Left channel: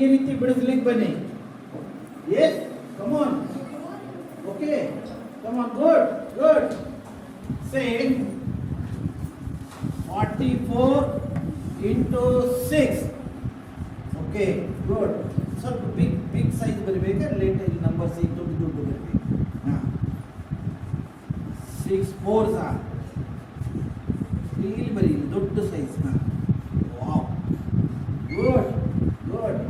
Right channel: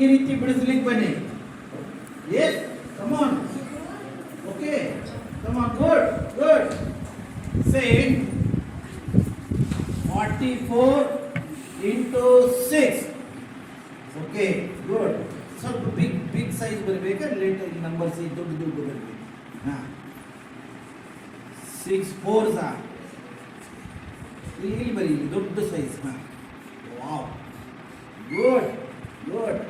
ಈ ರೀತಿ ಬಿಡಿಸ್ಲಿಕ್ಕೆ ಬನ್ನಿ. Yes, come on. Okay, come on. Good good. Say 44 into 6. Okay, good. ಸ್ವಲ್ಪ ಬಿಗ್ ಸೈಜ್ ಬರಬೇಕಾದ್ರೆ ಲೇಟ್ ನಂಬರ್ಸ್ ದೊಡ್ಡ ಬರಬೇಕು. 6 4s ಇಲ್ಲಿ ಬರೀ ದೊಡ್ಡ size. Wow, good good,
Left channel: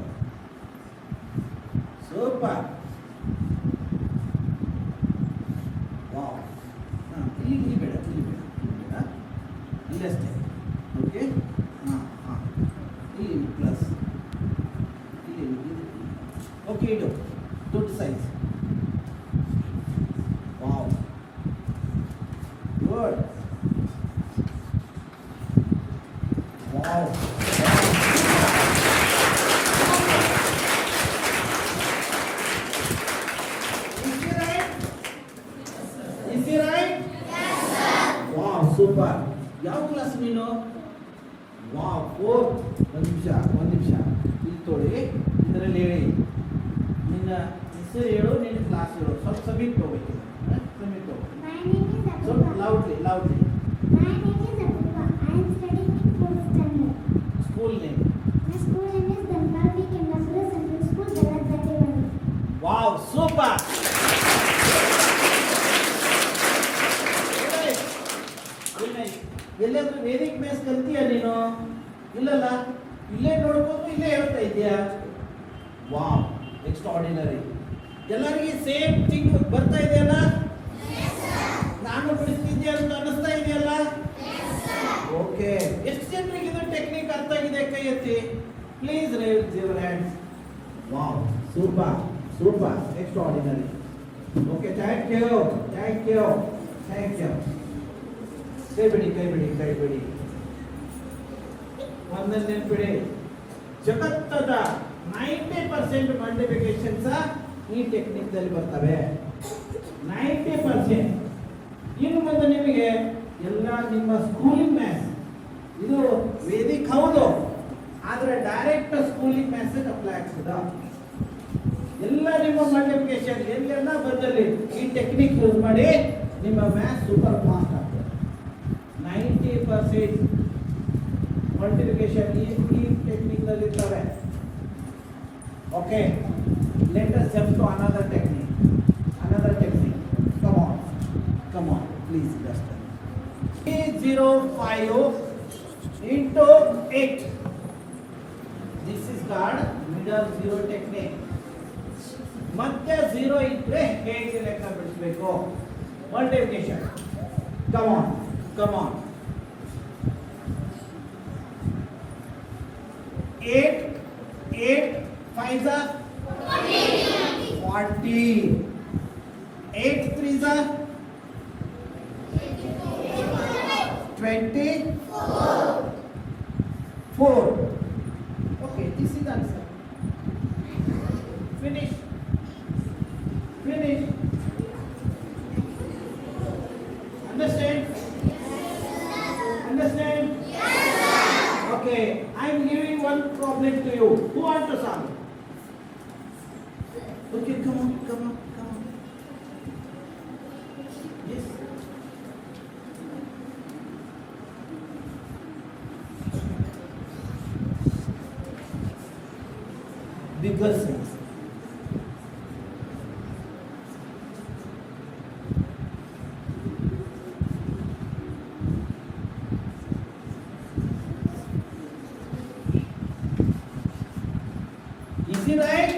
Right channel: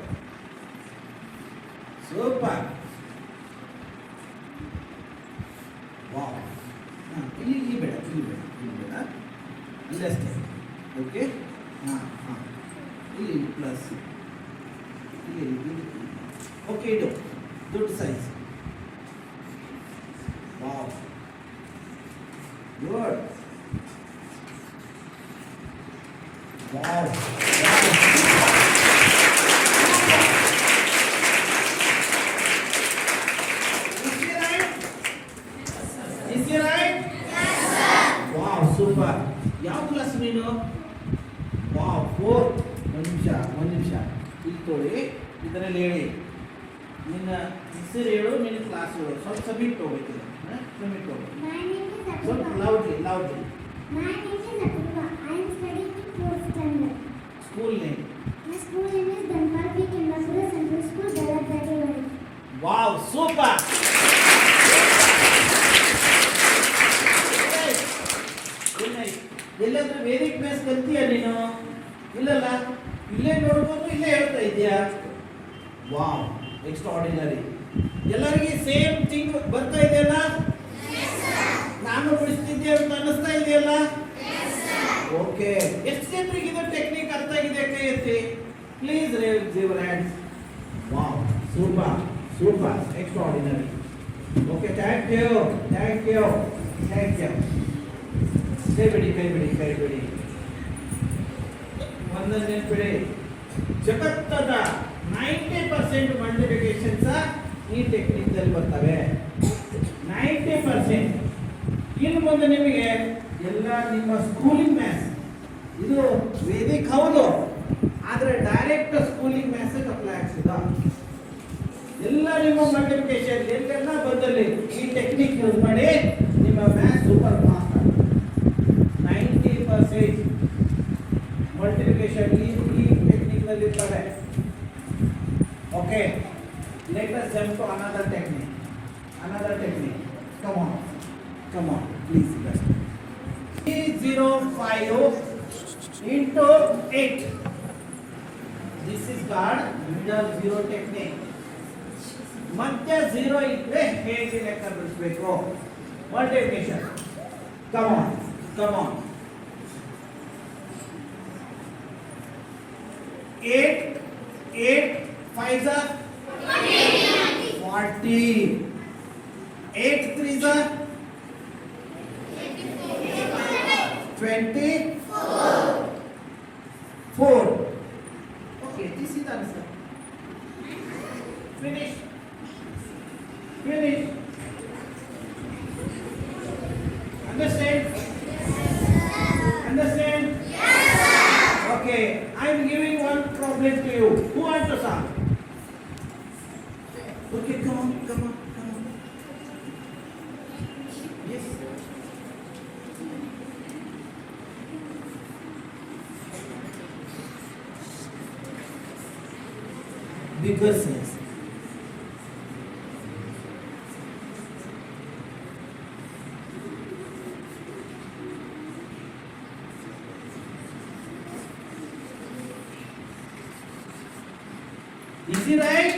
super. Wow, ಇಲ್ಲಿ ಬೇಡ, ಇಲ್ಲಷ್ಟೇ. ಓಕೆ, ಇಲ್ಲಿ ಪ್ಲಸ್, ಇಲ್ಲಿ ಓಕೆ, ಇದು ದೊಡ್ಡ size. Wow, good. Wow, super. ಯಾವ ಕ್ಲಾಸ್ ನೀನು? ವಾವ್, 4. ಒಂದು ನಿಮಿಷ ಇಲ್ಲಿ ತೊಳಿ, ಇದರಲ್ಲಿ ಹೇಳಿ. ನಿನ್ನ ಹೆಸರು ಹೇಳು, ನಿನ್ನ ಕ್ಲಾಸ್ ಹೇಳು. ಸ್ವಲ್ಪ ಸಬ್ಮಿಟ್ ಹೋಗ್ಬೇಕು. ಸಬ್ಮಿಟ್ ಹೋಗ್ಬೇಕು. ಸ್ವಲ್ಪ loudly. My name is Apurva. I am studying in 4th standard. School name? My school name is Dhanpal P. Kendapura Central School, Galapatewadi. Wow, super. ಎಲ್ಲಾದ್ರೂ ವೇದಿಕ್ ಬೇಸ್ ಕಲ್ತೀಯ ನೀನು? ಇಲ್ಲಲ್ಲ, ಇಲ್ಲೇ ನೋಡ್ಕೊಂಡು ಇಲ್ಲೇ ಹೇಳ್ತಾ ಇದೆಯಾ? Wow, extra ordinary. ಎಲ್ಲರಿಗೆ ಸೇಮ್ ಥಿಂಗ್ ಬರ್ತಾ ಇದೆಯಲ್ಲ? ನಾನು ಬಿಡಿಸ್ತಿದ್ದೆ ಅಂತ ಅನ್ನಿಸ್ತಾ ಇದೆಯಲ್ಲ? ಓಕೆ, ಎಷ್ಟು ಜನರಿಗೆ ಇದು ಟೆಕ್ನಿಕ್ ಅರ್ಥ ಆಗಿದೆ? ಕೈ ಎತ್ತಿ please. Raise your hands. Wow, super, extraordinary. Okay, thank you. ಕೈ ಬಿಡಿ. ಒಂದನ್ನು ನೆನ್ಪಿಡಿ, ಜಗತ್ತದ 90% ಮಲ್ಟಿಪ್ಲಿಕೇಶನ್ಸ್ ಈ ಟೆಕ್ನಿಕ್ ದಲ್ಲಿ ಬರ್ತವೆ. 90%. ಇನ್ನು ಮುಂದೆ ನಿಮಗೆ ಎಲ್ಲ ನಿಮ್ಮ ಸ್ಕೂಲಿಂಗ್ ಮ್ಯಾಥ್ಸ್, ಇದು ವೇದಿಕ್ ಹೌದು, ಆದ್ರೆ ಡೈರೆಕ್ಟ್ ಸ್ಕೂಲಿಂಗ್ ಮ್ಯಾಥ್ಸ್ ಅಪ್ಲೈ ಆಗ್ತದ. ಎಲ್ಲ ನಿಮ್ಮ ಮಲ್ಟಿಪ್ಲಿಕೇಶನ್ ಎಲ್ಲೆಲ್ಲ ಬಂದಲ್ಲಿ ಈ ಟೆಕ್ನಿಕ್ ಯೂಸ್ ಮಾಡಿ ನಿಮ್ಮ ಮ್ಯಾಥ್ಸ್ ಸೂಪರ್ ಫಾಸ್ಟ್. 90% ಮಲ್ಟಿಪ್ಲಿಕೇಶನ್ ಈ ಟೆಕ್ನಿಕ್ ನಲ್ಲಿ ಇರ್ತವೆ. Okay, let us jump to another technique. Come on, please. 305 into 8. This is called middle zero technique. ಮತ್ತೆ 0 ಇದ್ರೆ ಹೇಗೆ ಲೆಕ್ಕ ಬಿಡಿಸಬೇಕು? Multiplication. Come on. 8 5s are 40. 8 3s are 24. Okay, this is the answer. Finish. Understand? Yes. Okay, I am giving one problem to you. Who wants to solve? Okay, come on. Yes. Bigger sense. Is it right?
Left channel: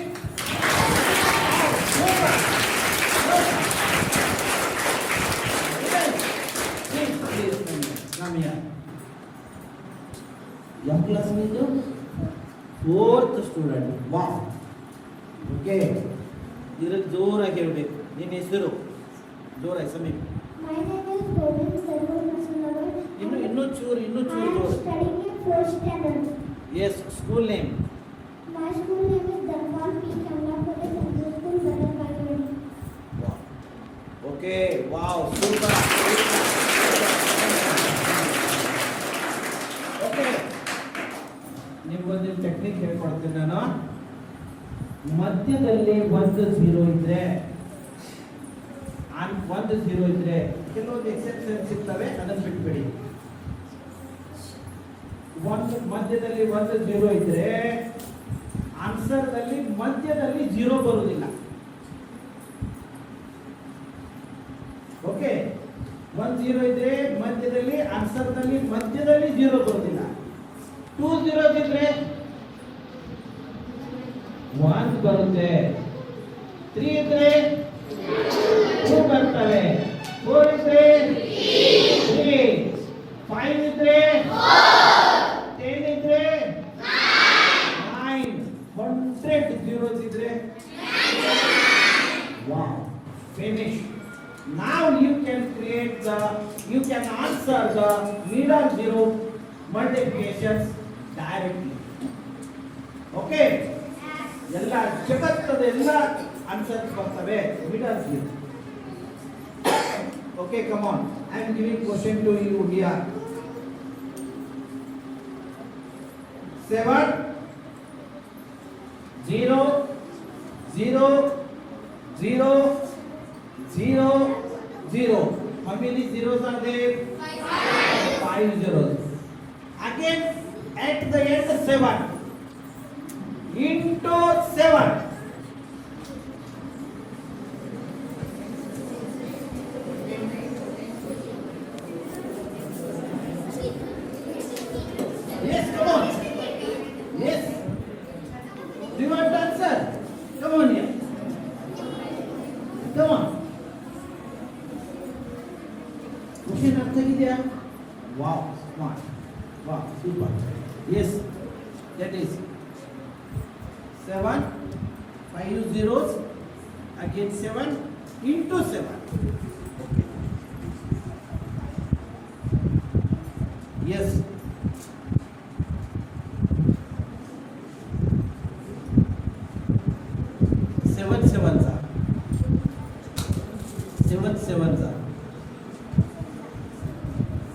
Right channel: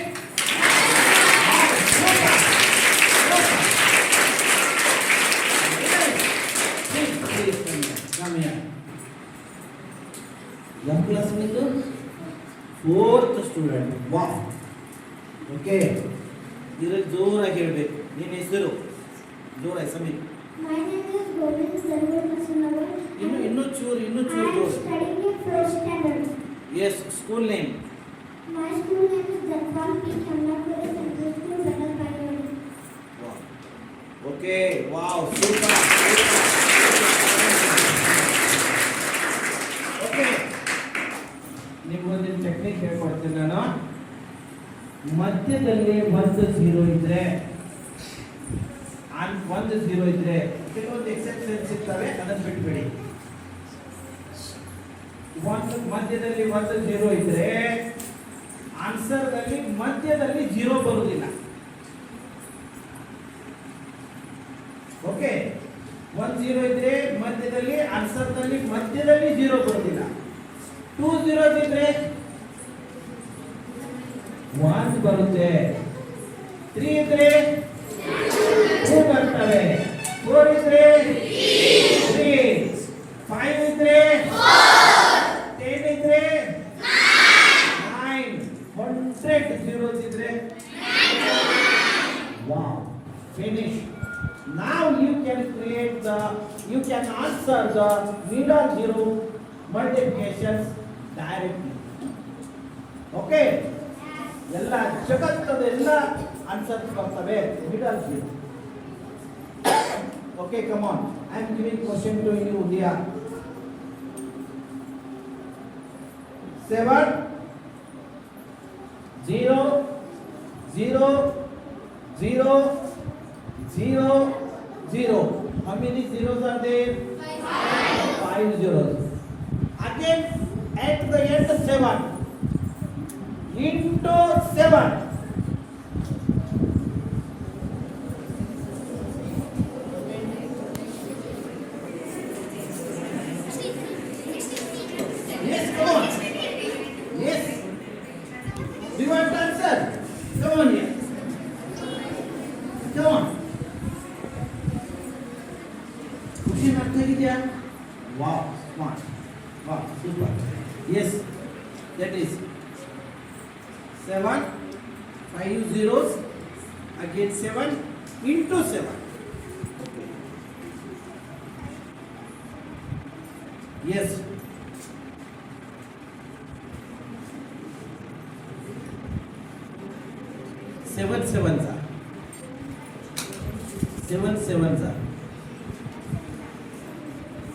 Please, come here. Young class window? 4th student. Wow. Okay. ಇದರಲ್ಲಿ ಜೋರಾಗಿ ಹೇಳಬೇಕು. ನಿನ್ನ ಹೆಸರು ಜೋರಾಗಿ Sameep. My name is Govind Sarwar Masunawar. ಇನ್ನೂ ಚೂರು I am studying in 1st standard. Yes, school name. My school name is Dhanpal P. Kendapura Central School, Galapatewadi. Wow. Okay. Wow. Super. Okay. ನಿಮ್ಗೊಂದು technique ಹೇಳ್ಕೊಡ್ತೀನಿ ನಾನು. ಮಧ್ಯದಲ್ಲಿ ಒಂದು zero ಇದ್ರೆ ಒಂದು zero ಇದ್ರೆ ಕೆಲವೊಂದು ಎಕ್ಸೆಪ್ಷನ್ಸ್ ಇರ್ತವೆ, ಅದನ್ನು ಬಿಟ್ಬಿಡಿ. ಒಂದು ಮಧ್ಯದಲ್ಲಿ ಒಂದು ಝೀರೋ ಇದ್ರೆ ಆನ್ಸರ್ ನಲ್ಲಿ ಮಧ್ಯದಲ್ಲಿ ಝೀರೋ ಬರುವುದಿಲ್ಲ. ಓಕೆ, ಒಂದು ಝೀರೋ ಇದ್ರೆ ಮಧ್ಯದಲ್ಲಿ ಆನ್ಸರ್ ನಲ್ಲಿ ಮಧ್ಯದಲ್ಲಿ ಝೀರೋ ಬರುವುದಿಲ್ಲ. ಟೂ ಝೀರೋ ಇದ್ರೆ ಒನ್ ಬರುತ್ತೆ. ತ್ರೀ ಇದ್ರೆ ಟೂ ಬರ್ತವೆ. ಫೋರ್ ಇದ್ರೆ ತ್ರೀ. ಫೈವ್ ಇದ್ರೆ 10 ಇದ್ರೆ 9. 100 zeros ಇದ್ರೆ wow, finish. Now you can answer the middle zero multiplications directly. Okay, ಎಲ್ಲ ಜಗತ್ತದ ಎಲ್ಲ ಆನ್ಸರ್ಸ್ ಬರ್ತವೆ middle zero. Okay, come on, I am giving question to you, dear. 7 0 0 0 0 0. How many zeros are there? 5 zeros. Again, at the end 7 into 7. Yes, come on. Yes. Do you want to answer? Come on here. Come on. Question ಅರ್ಥ ಆಗಿದೆಯಾ? Wow, smart. Wow, super. Yes, that is 7, 5 zeros, again 7 into 7. Yes. Seven sevens are.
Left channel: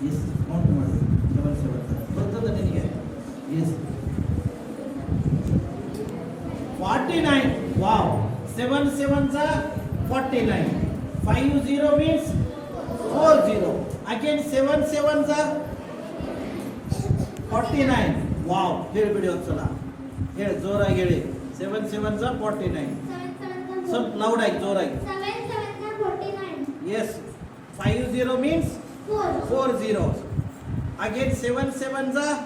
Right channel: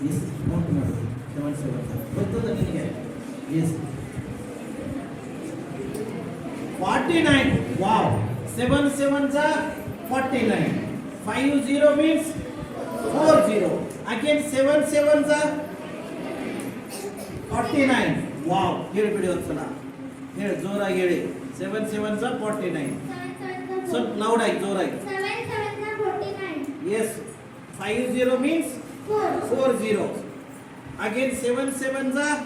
Yes, count ಮಾಡಿ. 7 sevens are. ಬರ್ತದೆ ನಿಮಗೆ? Yes. 49. Wow. 7 sevens are 49. 5 0 means 4 0. Again 7 sevens are 49. Wow. ಹೇಳ್ಬಿಡಿ ಒಂದ್ಸಲ. ಹೇಳಿ ಜೋರಾಗಿ ಹೇಳಿ. 7 sevens are 49. ಸ್ವಲ್ಪ ಲೌಡ್ ಆಗಿ ಜೋರಾಗಿ. 7 7 are 49. Yes. 5 0 means 4 zeros. Again 7 sevens are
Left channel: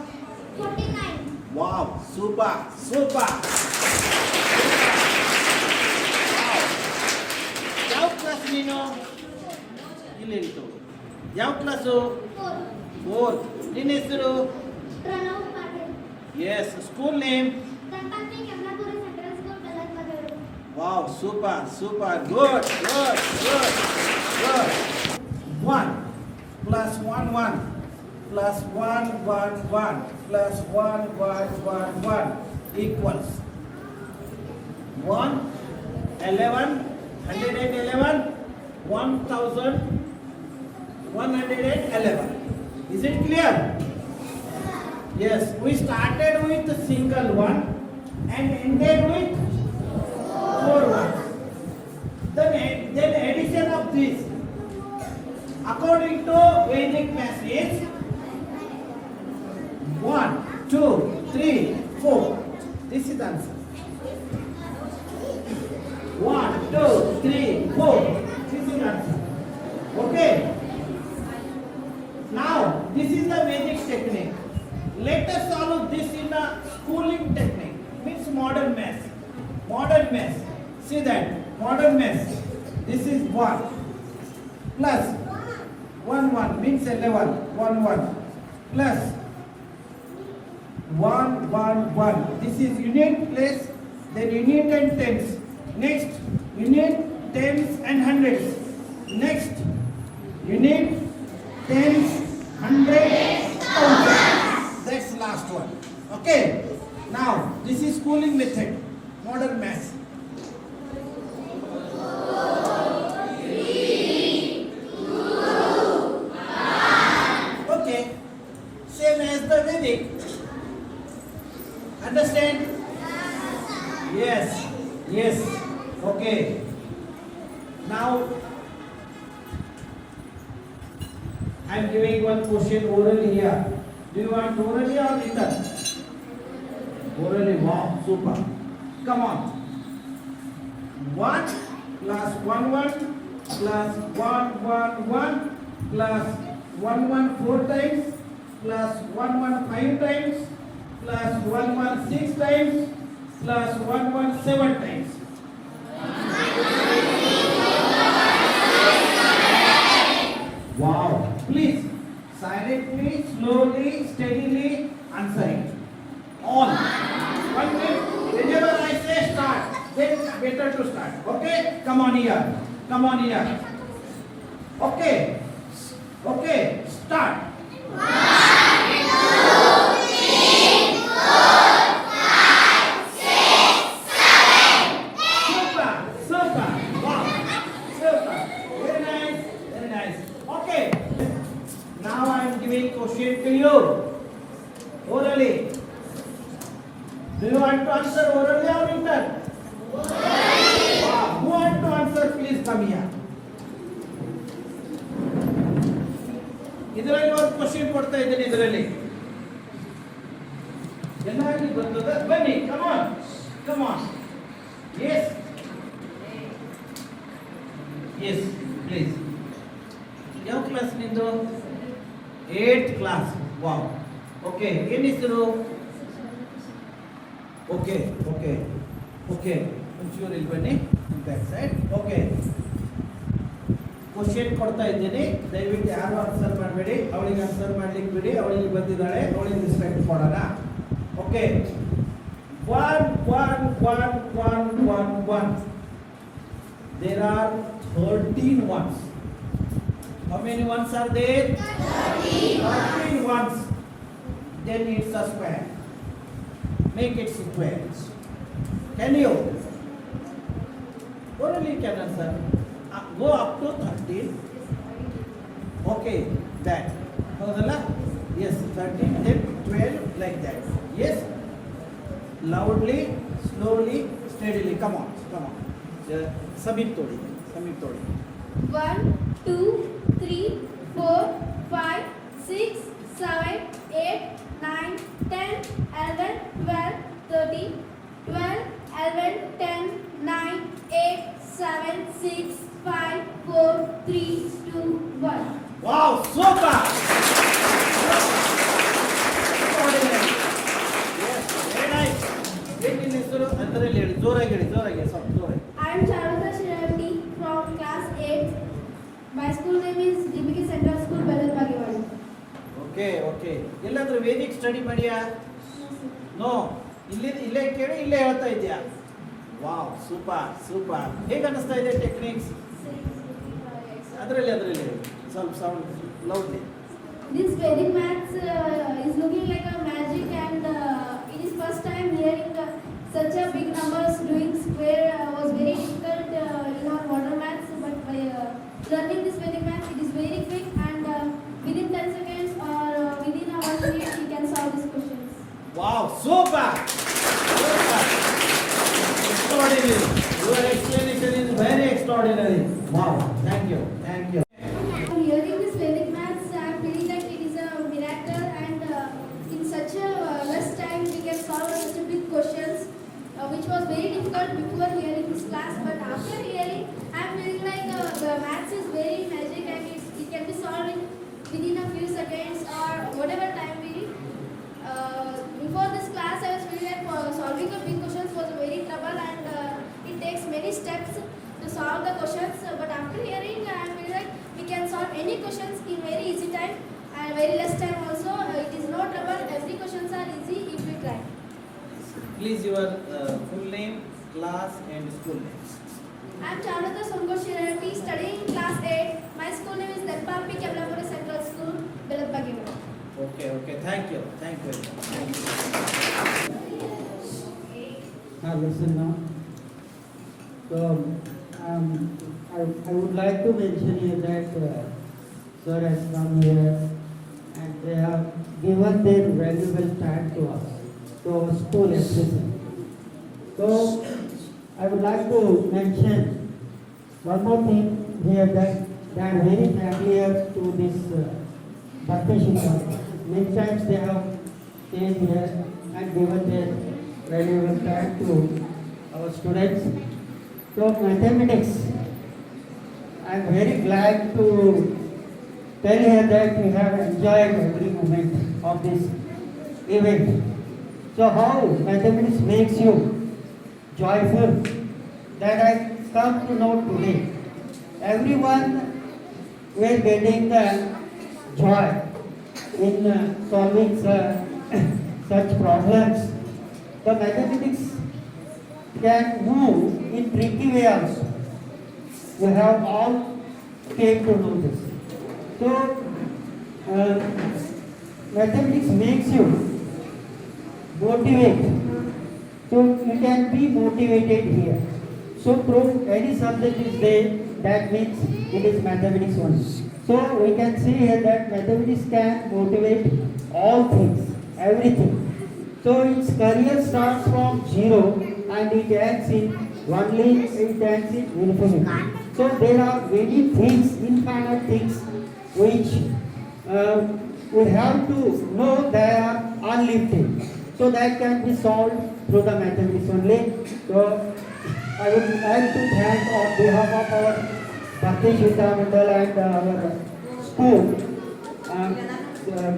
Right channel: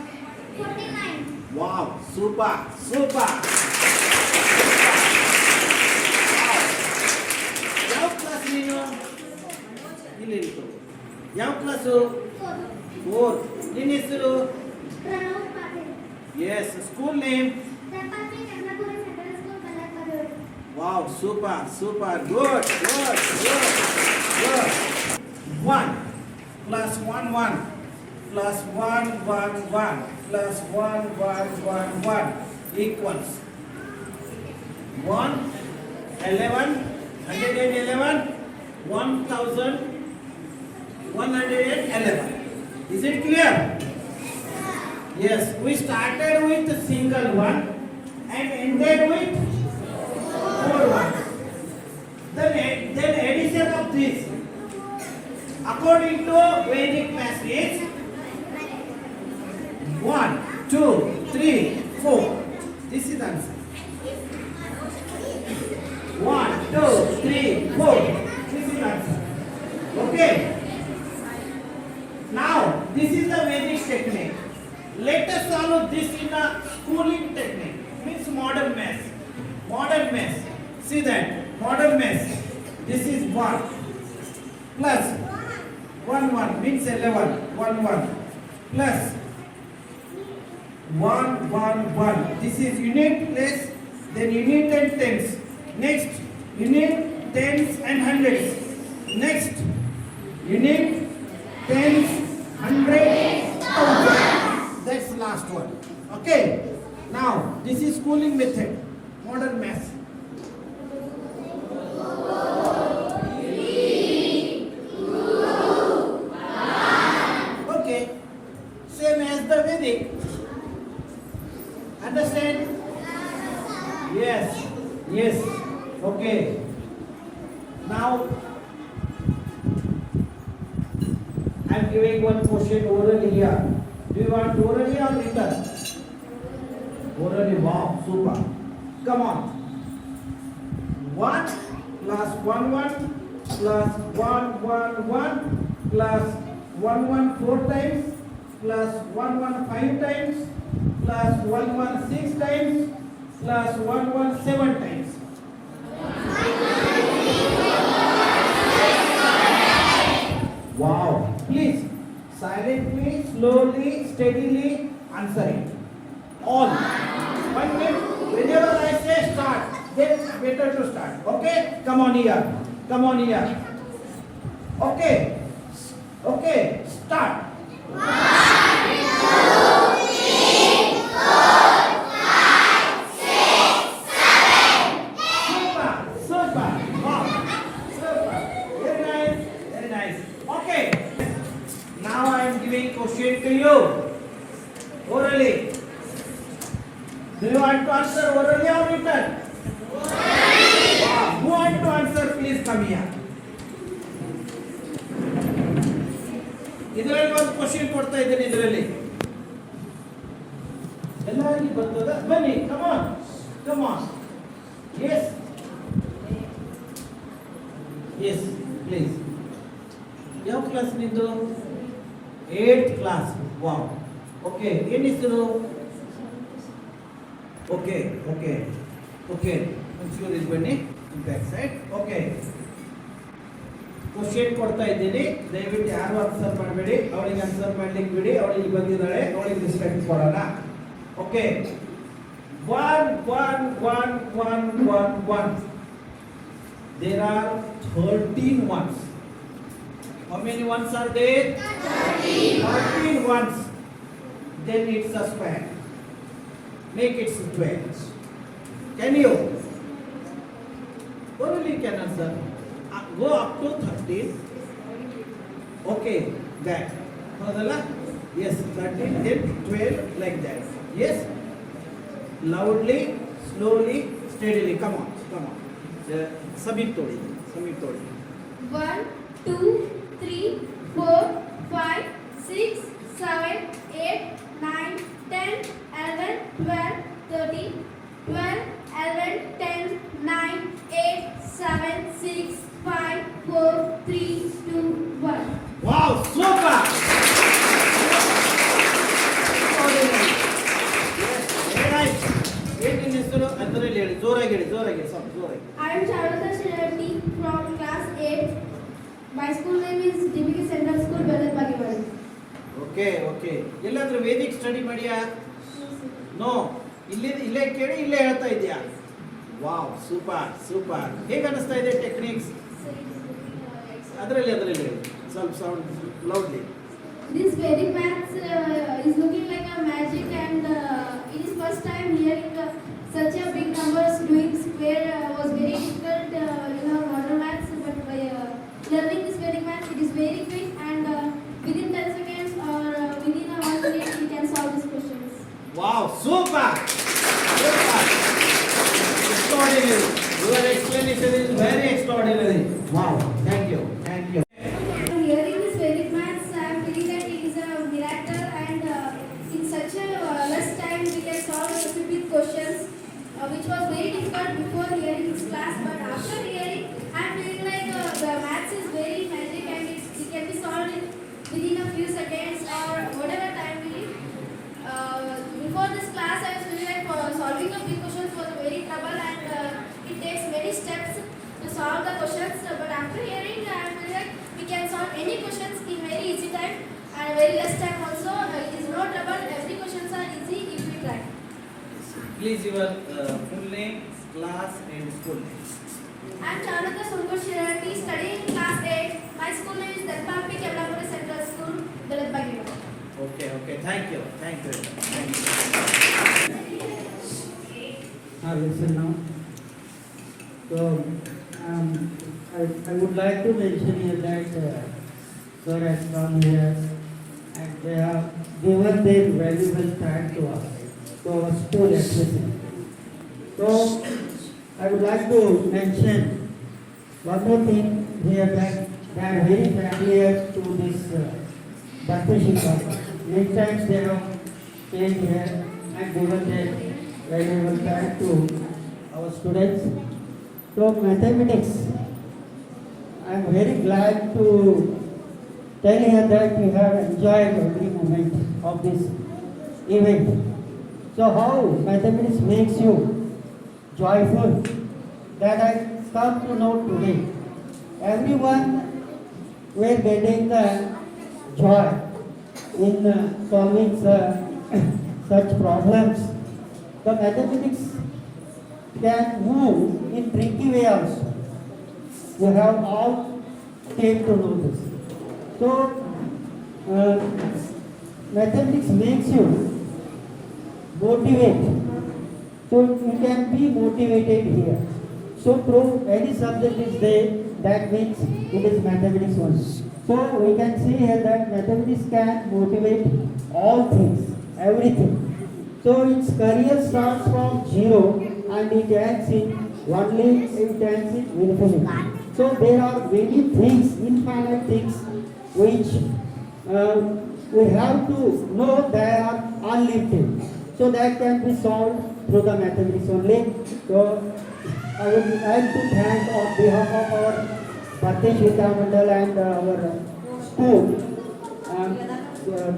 49. wow, super. Wow. ಯಾವ ಕ್ಲಾಸ್ ನೀನು? ಇಲ್ಲಿ ಇತ್ತು. ಯಾವ ಕ್ಲಾಸು? 4. ನಿನ್ನ ಹೆಸರು? Pranav Patil. Yes. School name? Sampatti Kamalapuri central school ಕಲ್ಲತ್ಮದೂರು. Wow, super. Good. 1 plus 1 1 plus 1 1 1 plus 1 1 1 1 equals 1 11 111 1111. Is it clear? Yes, we started with a single one and ended with 4 ones. Then addition of this according to Vedic math is 1 2 3 4. This is the answer. 1 2 3 4. This is the answer. Okay. Now this is the Vedic technique. Let us follow this in a schooling technique. Means modern math. See that modern math. This is 1 plus 1 1 means 11 1 1 plus 1 1 1. This is unit place, then unit and tens. Next unit, tens and hundreds. Next unit, tens, hundreds, thousand. That's last one. Okay. Now this is schooling method, modern math. Okay. Same as the Vedic. Understand? Yes. Yes. Okay. Now I am giving one question orally here. Do you want orally or written? Orally. Wow. Super. Come on. 1 plus 1 1 plus 1 1 1 plus 1 1 4 times plus 1 1 5 times plus 1 1 6 times plus 1 1 7 times. Wow. Please silently, slowly, steadily answer it. All. But whenever I say start, then better to start. Okay? Come on here. Come on here. Okay. Okay. Start. Super. Super. Wow. Super. Very nice. Very nice. Okay. Now I am giving question to you. Orally. Do you want to answer orally or written? Wow. Who want to answer? Please come here. ಇದರಲ್ಲಿ ಒಂದು question ಕೊಡ್ತಾ ಇದ್ದೀನಿ ಇದರಲ್ಲಿ ಎಲ್ಲರಿಗೂ ಬರ್ತದ ಬನ್ನಿ come on yes yes please ಯಾವ class ನಿಂದು 8th ಕ್ಲಾಸ್ ವಾವ್ ಓಕೆ ಏನು ಹೆಸರು ಓಕೆ ಓಕೆ ಓಕೆ ಒಂಚೂರು ಇಲ್ಲಿ ಬನ್ನಿ ಬ್ಯಾಕ್ ಸೈಡ್ ಓಕೆ ಕ್ವಶನ್ ಕೊಡ್ತಾ ಇದ್ದೀನಿ ದಯವಿಟ್ಟು ಯಾರು ಆನ್ಸರ್ ಮಾಡಬೇಡಿ ಅವಳಿಗೆ ಆನ್ಸರ್ ಮಾಡ್ಲಿಕ್ಕೆ ಬಿಡಿ ಅವಳಿಗೆ ಬಂದಿದ್ದಾಳೆ ಅವಳಿಗೆ ರೆಸ್ಪೆಕ್ಟ್ ಕೊಡೋಣ okay 1 1 1 1 1 1 there are 13 ones. How many ones are there? 13 ones. Then it's a square. Make it 12. Can you? Only can answer. Go up to 13. Okay, back. Howdala? Yes, 13, then 12, like that. Yes? Loudly, slowly, steadily. Come on. Samip todi. 1, 2, 3, 4, 5, 6, 7, 8, 9, 10, 11, 12, 13, 12, 11, 10, 9, 8, 7, 6, 5, 4, 3, 2, 1. Wow, super! Extraordinary. Yes, very nice. ಏನು ನಿನ್ನ ಹೆಸರು ಅದರಲ್ಲಿ ಹೇಳಿ ಜೋರಾಗಿ ಸ್ವಲ್ಪ ಜೋರಾಗಿ I am Charlotte Shinati from class 8. My school name is DBK Central School, Belal Bagewal. Okay ಎಲ್ಲಾದ್ರೂ Vedic study ಮಾಡಿಯಾ no ಇಲ್ಲೇ ಕೇಳಿ ಇಲ್ಲೇ ಹೇಳ್ತಾ ಇದೆಯಾ ವಾವ್ ಸೂಪರ್ ಹೇಗೆ ಅನಿಸ್ತಾ ಇದೆ ಟೆಕ್ನಿಕ್ಸ್ ಅದರಲ್ಲಿ ಸ್ವಲ್ಪ sound loudly This Vedic maths is looking like a magic, and it is first time hearing such a big numbers doing square was very difficult in our modern maths, but by learning this Vedic maths it is very quick, and within 10 seconds or within a 1 minute we can solve these questions. Wow super extraordinary. Your explanation is very extraordinary. Wow, thank you. Hearing this Vedic maths, I am feeling that it is a miracle, and in such a less time we can solve such a big questions, which was very difficult before hearing this class. But after hearing, I am feeling like the maths is very magic, and it can be solved within a few seconds or whatever time we need. Before this class, I was feeling like solving a big questions was a very trouble, and it takes many steps to solve the questions. But after hearing, I am feeling like we can solve any questions in very easy time and very less time also. It is no trouble. Every questions are easy if we try. Please your full name, class and school name. I am Chandrata Sungur Shirati, studying in class 8. My school name is Dalpampi Kevlapura Central School, Dalapagima. Okay. Thank you. Listen now. So, I would like to mention here that Sir has come here and they have given their valuable time to us, to our school education. So, I would like to mention one more thing here that I am very familiar to this Bhaktashika. Many times they have came here and given their valuable time to our students. So mathematics, I am very glad to tell you that we have enjoyed every moment of this event. So how mathematics makes you joyful, that I come to know today. Everyone were getting the joy in solving such problems. The mathematics can move in tricky way also. You have all came to know this. So mathematics makes you motivate. So you can be motivated here. So through any subject is there, that means it is mathematics only. So we can see here that mathematics can motivate all things, everything. So its career starts from zero and it ends in only it ends in infinity. So there are many things, infinite things, which we have to know they are unlimited. So that can be solved through the mathematics only. So I would like to thank on behalf of our Bharatiya Shweta Mandal and our school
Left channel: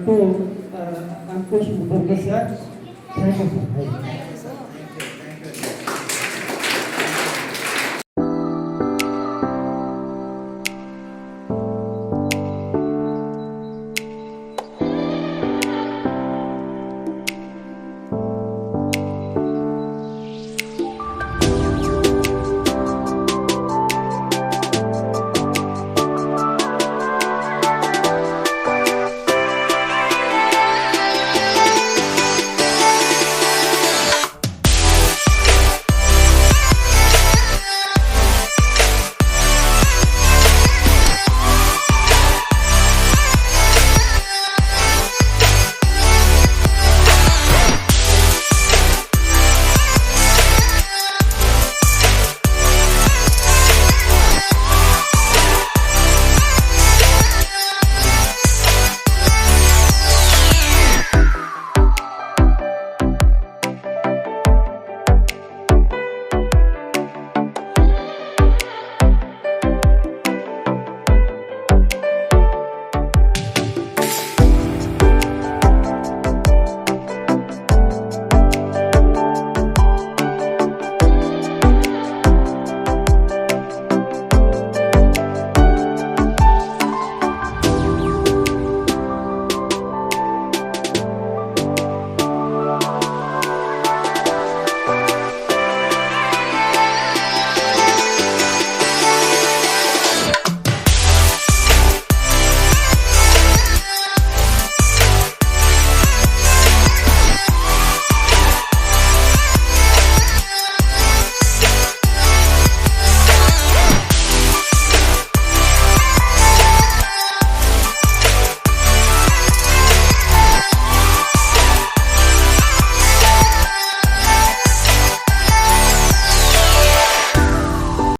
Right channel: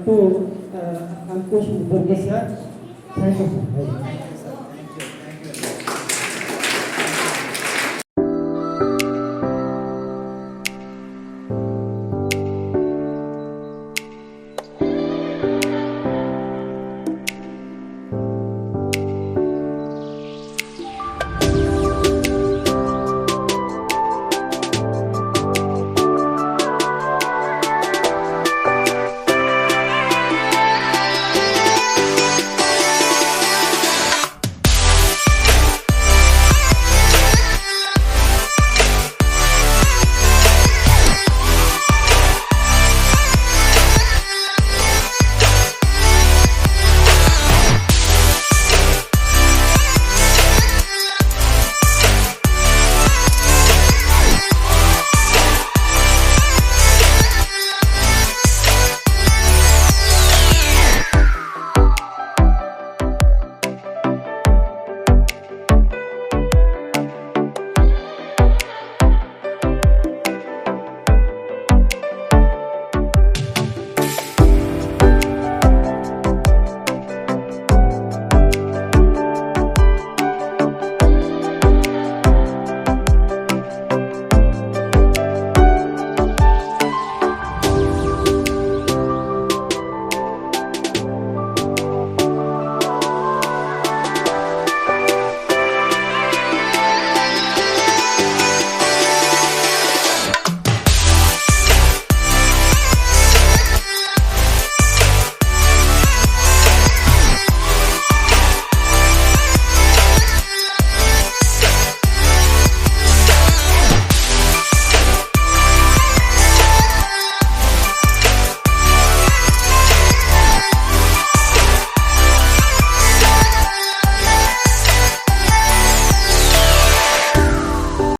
to Ankush Burge sir. Thank you, sir.